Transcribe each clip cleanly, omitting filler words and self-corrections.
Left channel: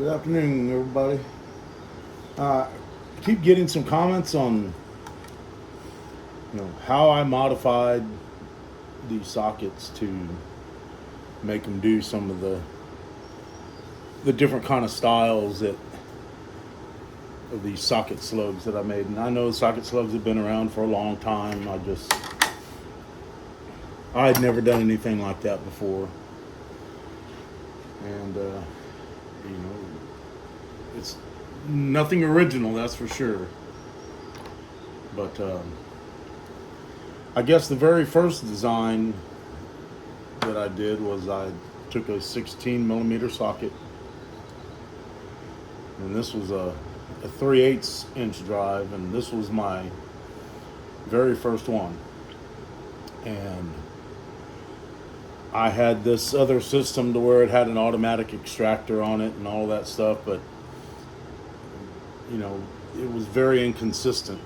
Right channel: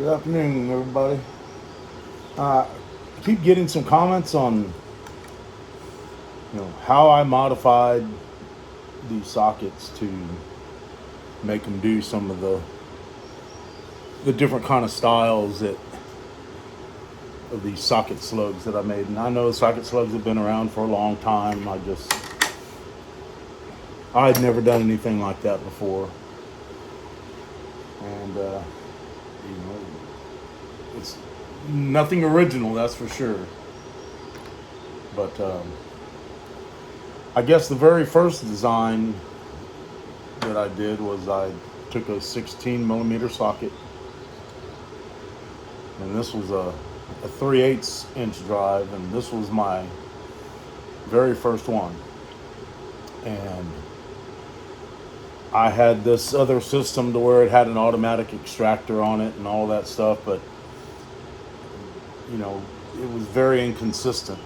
Good afternoon, everybody. Keep getting some comments on, how I modified these sockets to make them do some of the different kind of styles of these socket slugs that I made. And I know socket slugs have been around for a long time. I had never done anything like that before, and it's nothing original, that's for sure. But I guess the very first design that I did was I took a 16 millimeter socket, and this was a 3/8 inch drive, and this was my very first one. And I had this other system to where it had an automatic extractor on it and all that stuff, but it was very inconsistent.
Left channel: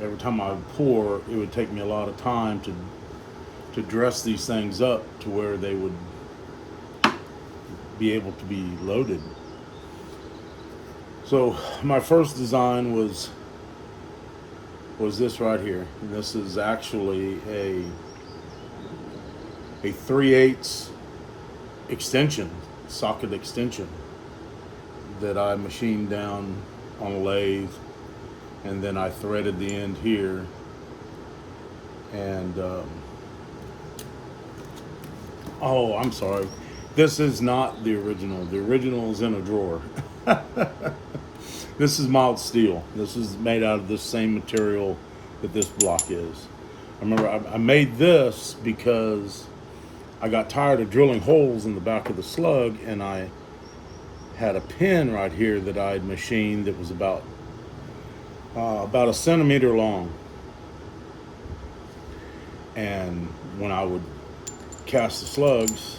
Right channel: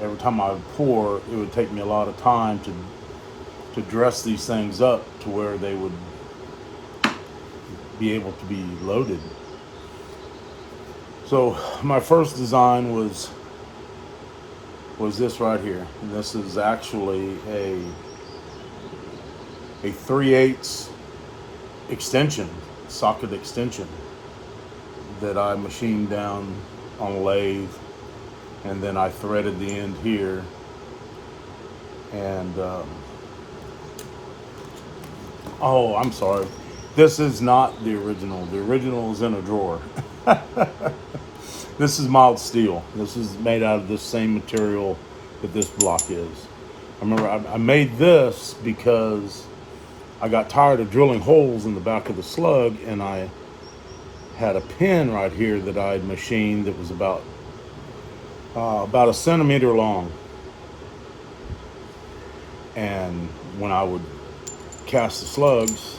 Every time I would pour, it would take me a lot of time to dress these things up to where they would be able to be loaded. So my first design was this right here. And this is actually a 3/8 extension, socket extension, that I machined down on a lathe, and then I threaded the end here, and oh, I'm sorry, this is not the original. The original is in a drawer. This is mild steel. This is made out of the same material that this block is. I remember I made this because I got tired of drilling holes in the back of the slug, and I had a pin right here that I had machined that was about a centimeter long. And when I would cast the slugs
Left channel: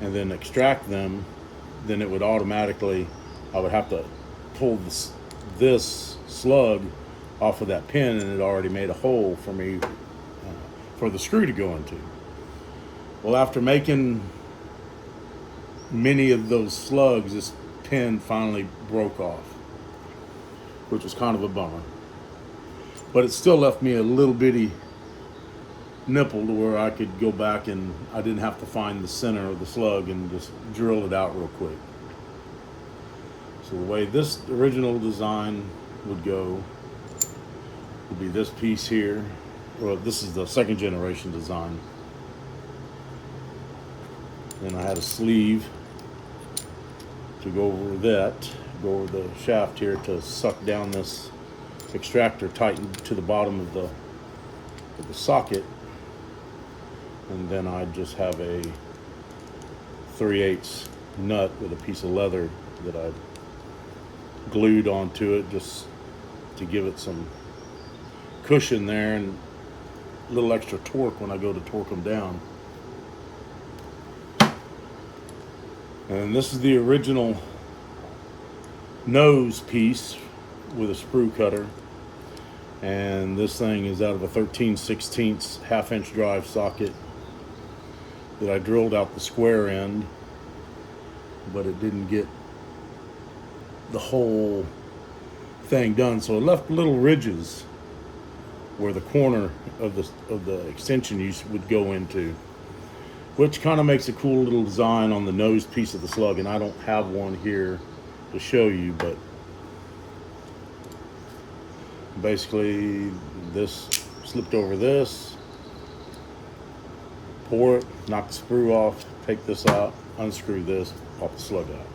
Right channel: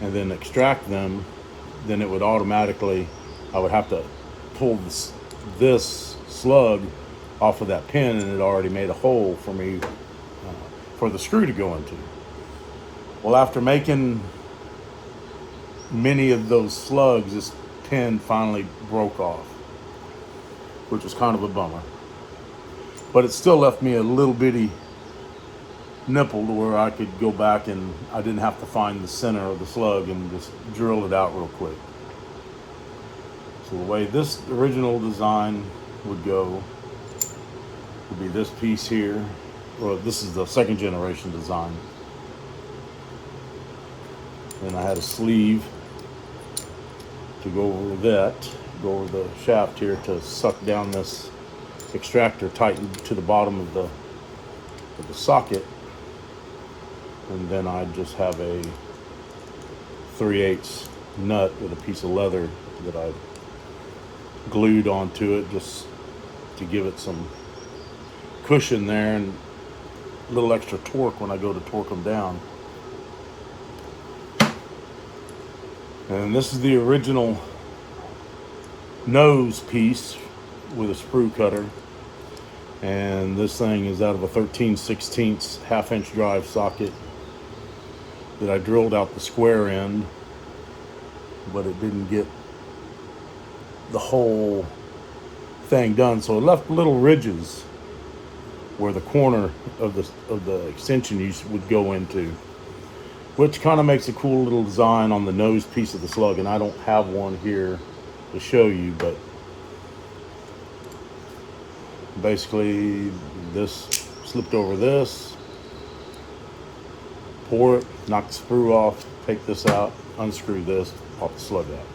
and then extract them, then it would automatically, I would have to pull this slug off of that pin, and it already made a hole for me for the screw to go into. Well, after making many of those slugs, this pin finally broke off, which was kind of a bummer. But it still left me a little bitty nipple to where I could go back and I didn't have to find the center of the slug and just drill it out real quick. So the way this original design would go would be this piece here. Well, this is the second generation design. And I had a sleeve to go over the shaft here to suck down this extractor tightened to the bottom of the socket. And then I just have a 3/8 nut with a piece of leather that I glued onto it just to give it some cushion there and a little extra torque when I go to torque them down. And this is the original nose piece with a sprue cutter. And this thing is out of a 13/16 half-inch drive socket that I drilled out the square end, but it didn't get the whole thing done, so it left little ridges where the corner of the extension would go into, which kind of makes a cool little design on the nose piece of the slug. And I don't have one here to show you, but basically this slipped over this, pour it, knock the sprue off, take this out, unscrew this, pop the slug out.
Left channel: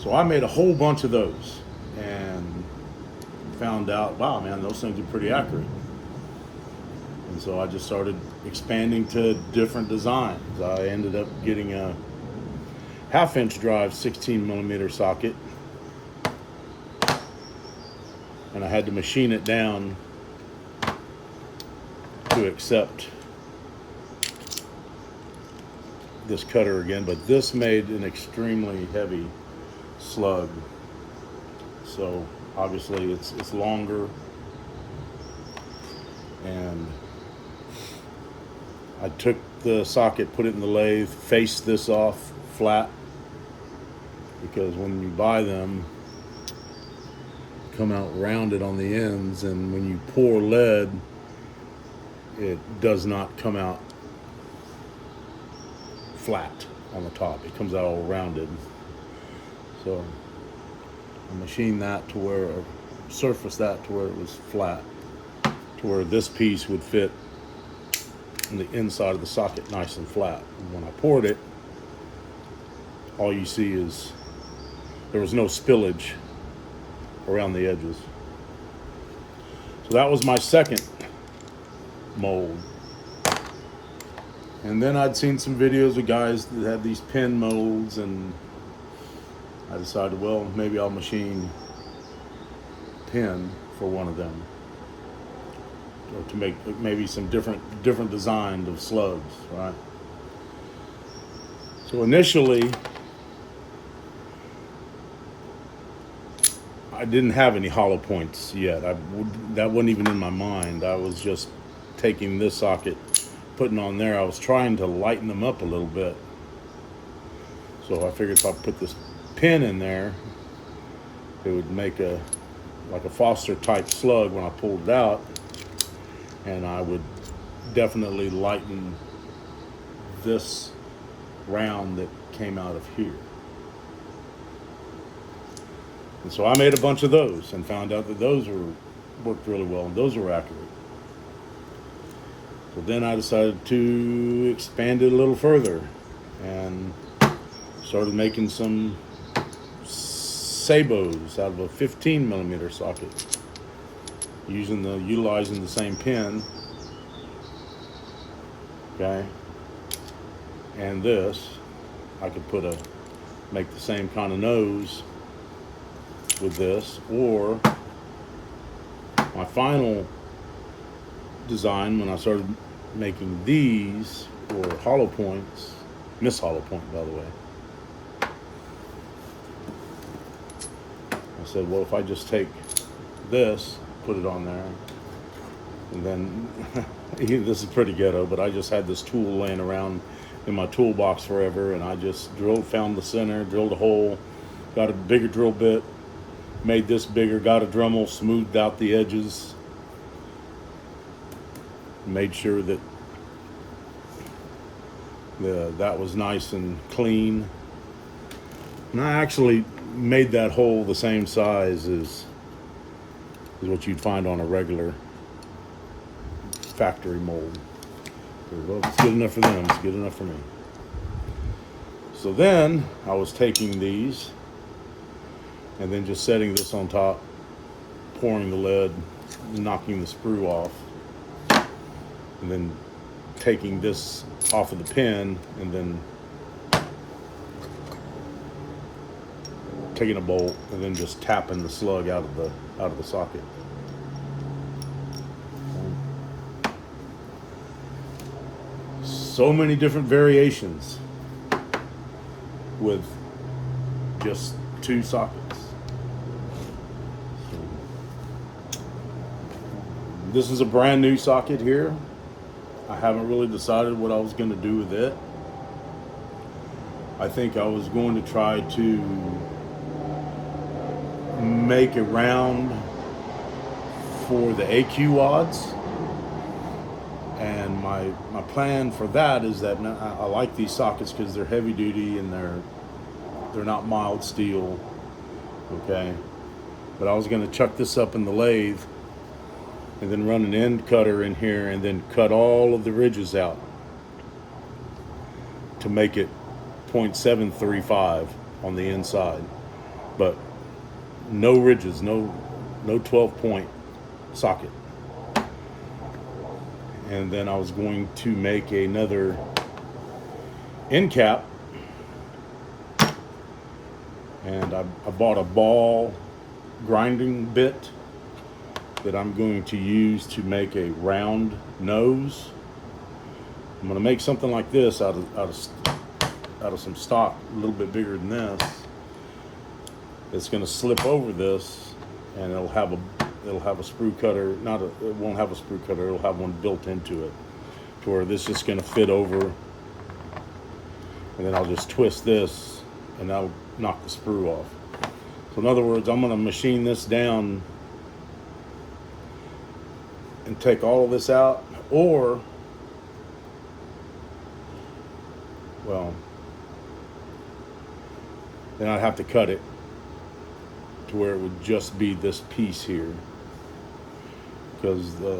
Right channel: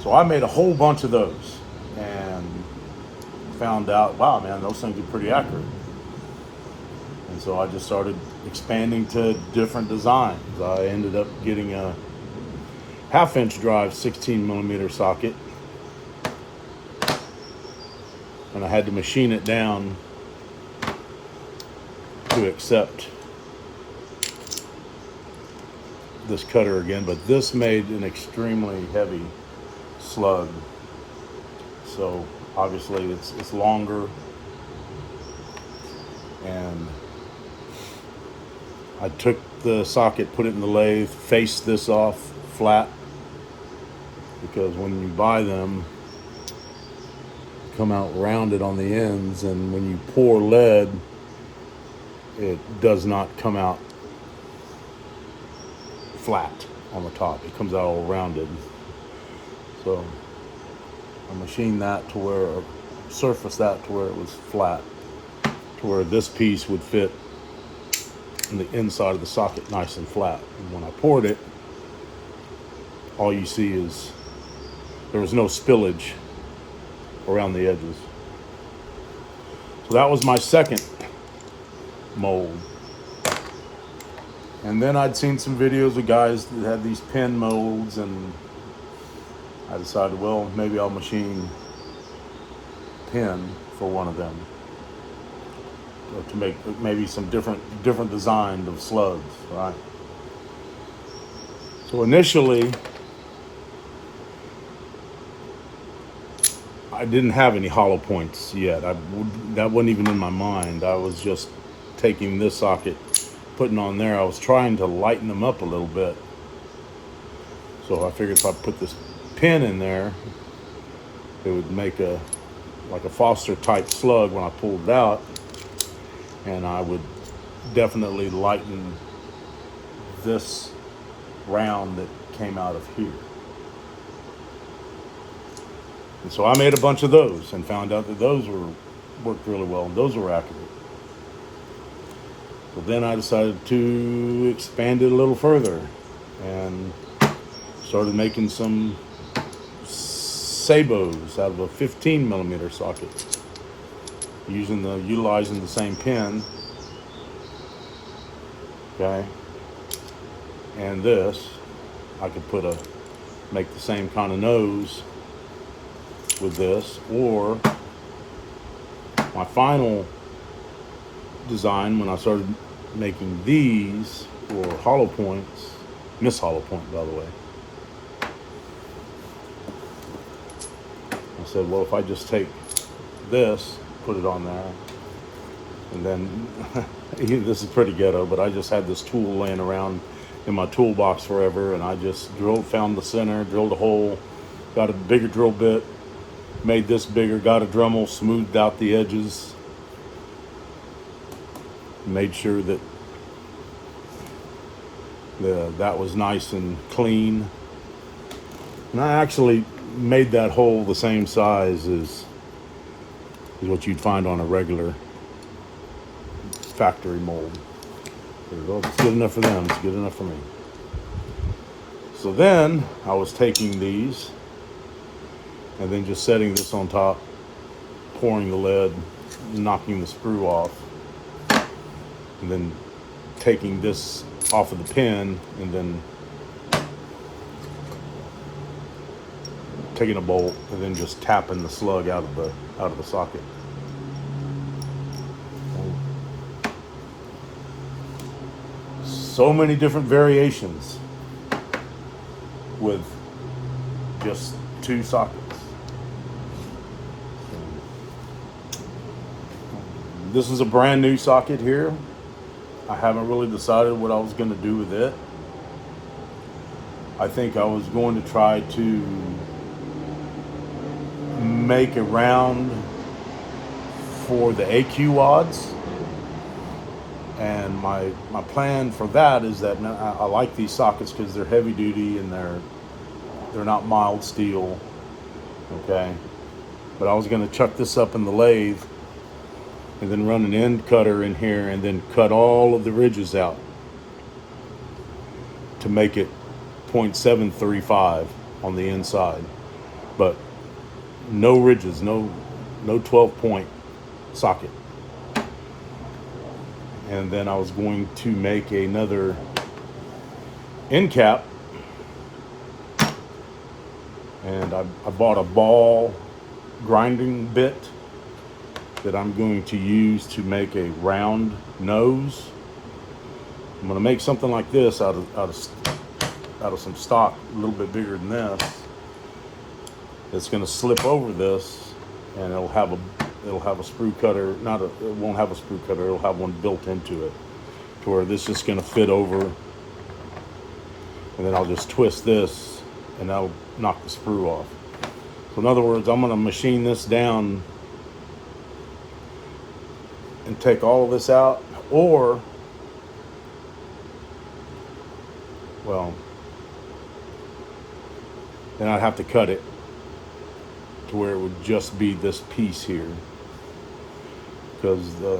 So I made a whole bunch of those and found out, wow, man, those things are pretty accurate. And so I just started expanding to different designs. I ended up getting a half-inch drive 16 millimeter socket, and I had to machine it down to accept this cutter again, but this made an extremely heavy slug. So obviously it's longer, and I took the socket, put it in the lathe, face this off flat, because when you buy them, come out rounded on the ends, and when you pour lead, it does not come out flat on the top. It comes out all rounded. So I machined that to where, or surfaced that to where it was flat, to where this piece would fit in the inside of the socket nice and flat. And when I poured it, all you see is there was no spillage around the edges. So that was my second mold. And then I'd seen some videos of guys that had these pin molds, and I decided, well, maybe I'll machine pin for one of them, or to make maybe some different design of slugs, right? So initially, I didn't have any hollow points yet. That wasn't even in my mind. I was just taking this socket, putting on there. I was trying to lighten them up a little bit. So I figured if I put this pin in there, it would make like a Foster type slug when I pulled it out, and I would definitely lighten this round that came out of here. And so I made a bunch of those and found out that those worked really well, and those were accurate. So then I decided to expand it a little further and started making some sabos out of a 15mm socket, utilizing the same pin. Okay, and this I could make the same kind of nose with this, or my final design when I started making these were hollow points, Miss Hollow Point, by the way. I said, well, if I just take this, put it on there, and then this is pretty ghetto, but I just had this tool laying around in my toolbox forever, and I just found the center, drilled a hole, got a bigger drill bit, made this bigger, got a Dremel, smoothed out the edges, made sure that that was nice and clean. And I actually made that hole the same size as what you'd find on a regular factory mold. Well, it's good enough for them, it's good enough for me. So then I was taking these and then just setting this on top, pouring the lead, knocking the sprue off, and then taking this off of the pin, and then taking a bolt and then just tapping the slug out of the socket. So many different variations with just 2 sockets. This is a brand new socket here. I haven't really decided what I was going to do with it. I think I was going to try to make a round for the AQ wads. And my plan for that is that I like these sockets because they're heavy duty and they're not mild steel, okay? But I was going to chuck this up in the lathe and then run an end cutter in here and then cut all of the ridges out to make it 0.735 on the inside, but no ridges, no 12-point socket. And then I was going to make another end cap, and I bought a ball grinding bit that I'm going to use to make a round nose. I'm going to make something like this out of some stock a little bit bigger than this. It's going to slip over this, and it'll have a sprue cutter. It won't have a sprue cutter. It'll have one built into it to where this is going to fit over, and then I'll just twist this and that'll knock the sprue off. So in other words, I'm going to machine this down and take all of this out, or, well, then I'd have to cut it to where it would just be this piece here, because the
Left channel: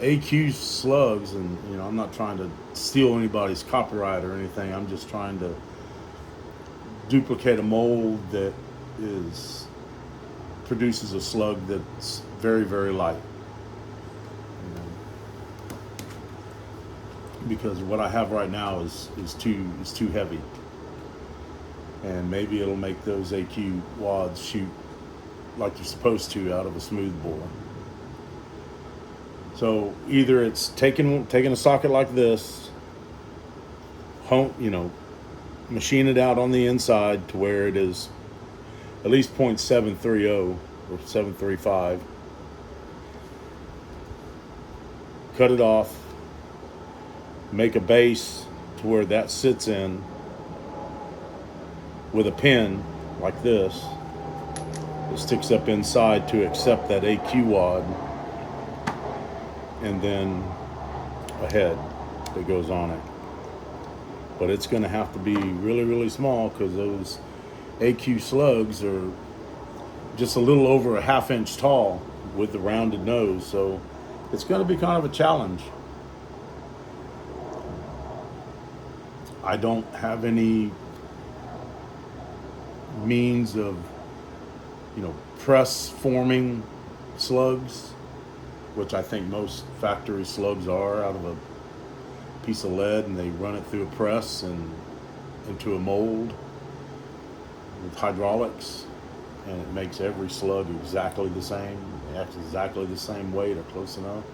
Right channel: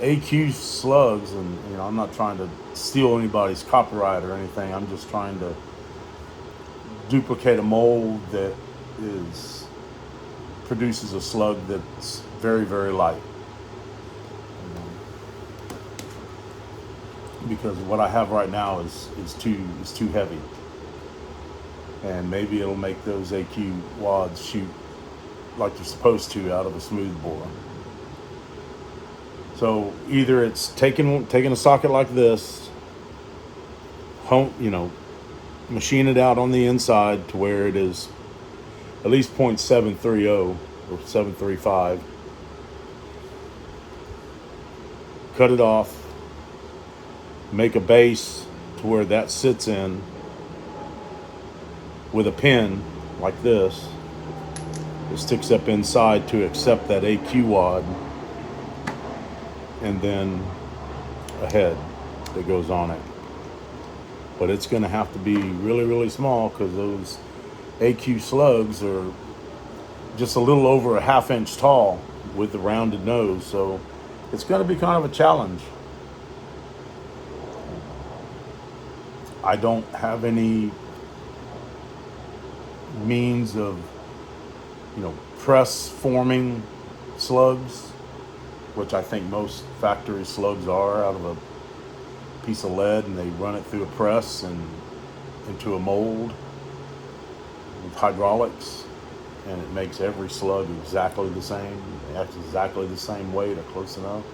AQ slugs, and you know, I'm not trying to steal anybody's copyright or anything. I'm just trying to duplicate a mold that produces a slug that's very, very light. Because what I have right now is too heavy, and maybe it'll make those AQ wads shoot like they're supposed to out of a smooth bore. So either it's taking a socket like this, machine it out on the inside to where it is at least 0.730 or 735, cut it off, make a base to where that sits in with a pin like this. It sticks up inside to accept that AQ wad, and then a head that goes on it. But it's going to have to be really, really small, because those AQ slugs are just a little over a 1/2 inch tall with the rounded nose, so it's going to be kind of a challenge. I don't have any means of, press forming slugs, which I think most factory slugs are, out of a piece of lead, and they run it through a press and into a mold with hydraulics, and it makes every slug exactly the same. It acts exactly the same weight or close enough.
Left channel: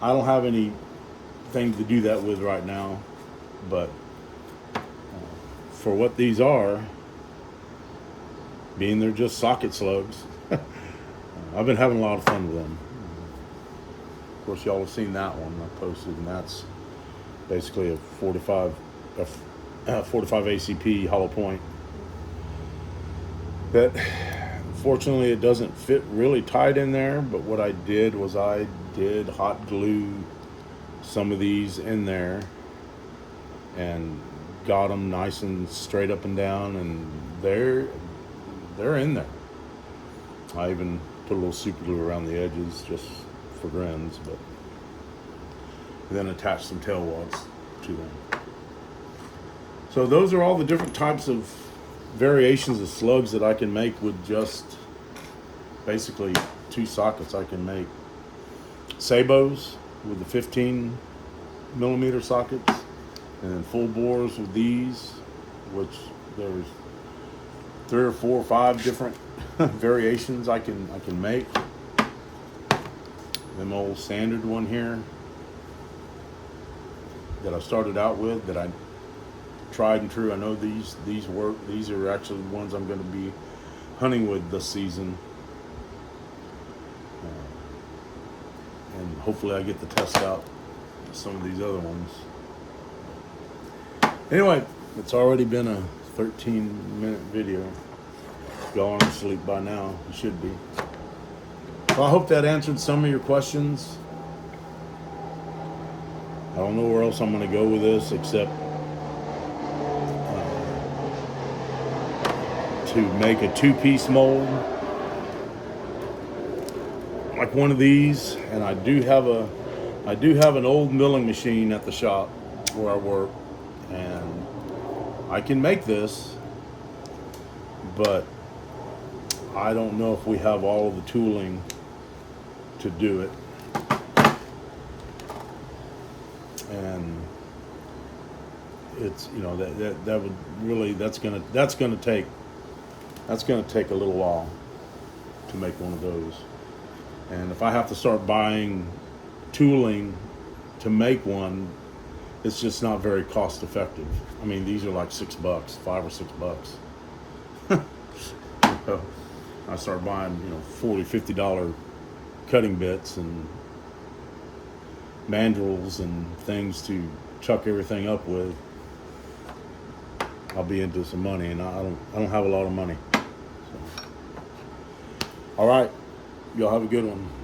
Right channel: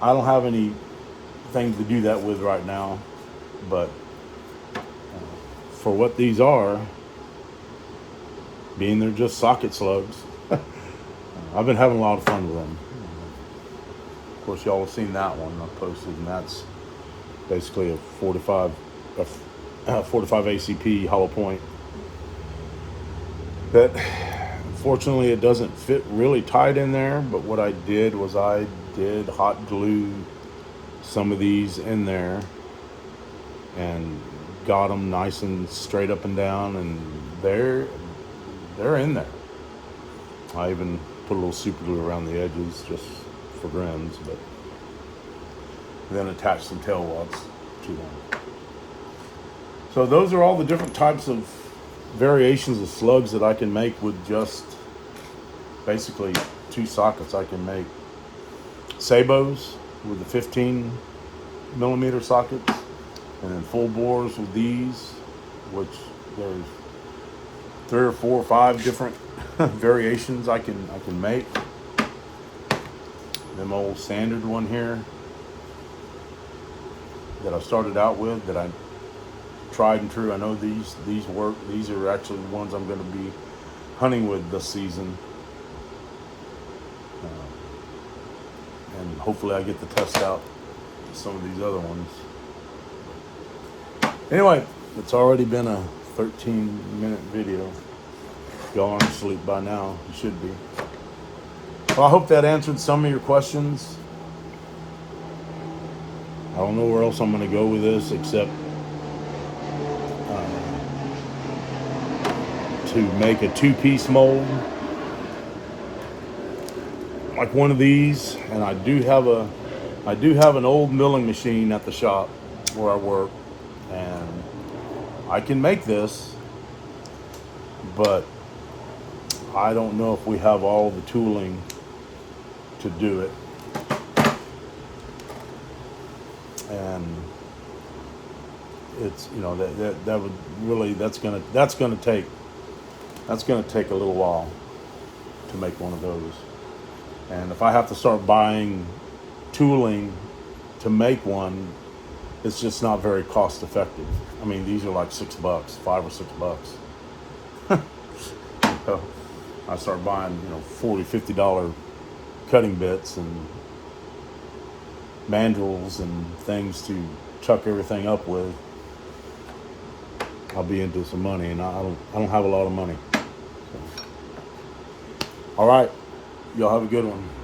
I don't have anything to do that with right now, but for what these are, being they're just socket slugs, I've been having a lot of fun with them. Of course, y'all have seen that one I posted, and that's basically a 45 ACP hollow point. That, fortunately, it doesn't fit really tight in there, but what I did was I did hot glue some of these in there and got them nice and straight up and down, and they're in there. I even put a little super glue around the edges just for grins, but then attach some tail wads to them. So those are all the different types of variations of slugs that I can make with just basically 2 sockets. I can make sabots with the 15 millimeter sockets, and then full bores with these, which there's 3 or 4 or 5 different variations I can make. Them old standard one here that I started out with, that I tried and true. I know these work. These are actually the ones I'm going to be hunting with this season, and hopefully I get to test out some of these other ones. Anyway, it's already been a 13-minute video. If y'all aren't asleep by now, you should be. Well, I hope that answered some of your questions. I don't know where else I'm going to go with this, except to make a 2-piece mold like one of these. And I do have an old milling machine at the shop where I work, and I can make this, but I don't know if we have all the tooling to do it. And it's, that would really, that's gonna take a little while to make one of those. And if I have to start buying tooling to make one, it's just not very cost effective. I mean, these are like $6, $5 or $6. So I start buying, $40, $50 cutting bits, and mandrels and things to chuck everything up with, I'll be into some money, and I don't have a lot of money. So. All right, y'all have a good one.